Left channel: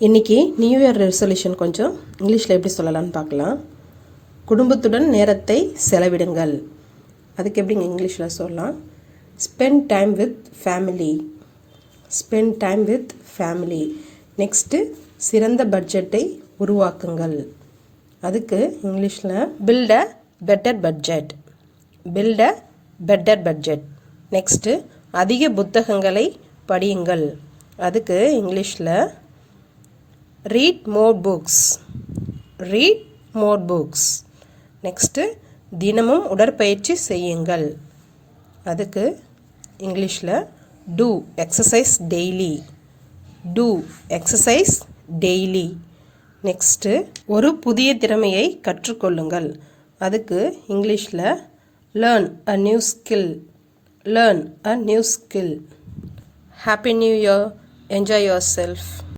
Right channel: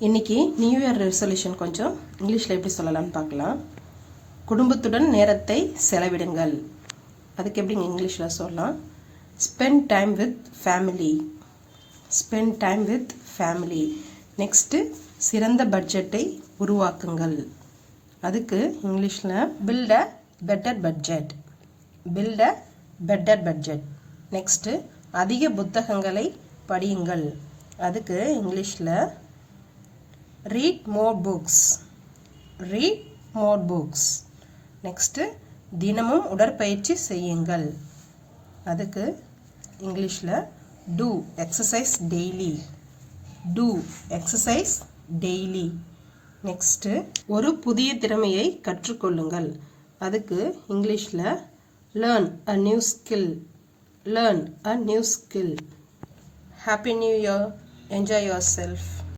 இன்றைக்கி new year resolution கொஞ்சம் இங்கிலீஷில் எப்படி சொல்லலாம்னு பார்க்கலாம். குடும்பத்துடன் நேரத்தை செலவிடுங்கள். அதுக்கு எப்படிங்க இங்கிலீஷில் சொல்லலாம்? Spend time with family. Spend time with family. Next சிறந்த பட்ஜெட்டை உருவாக்குங்கள். அதுக்கு இங்கிலீஷில் build a better budget. Build a better budget. Next அதிக புத்தகங்களை படியுங்கள். அதுக்கு இங்கிலீஷில் read more books. read more books. Next தினமும் உடற்பயிற்சி செய்யுங்கள். அதுக்கு இங்கிலீஷில் do exercise daily. do exercise daily. Next ஒரு புதிய திறமையை கற்றுக்கொள்ளுங்கள். அதுக்கு இங்கிலீஷில் learn a new skill. learn a new skill. Happy New Year. Enjoy yourself.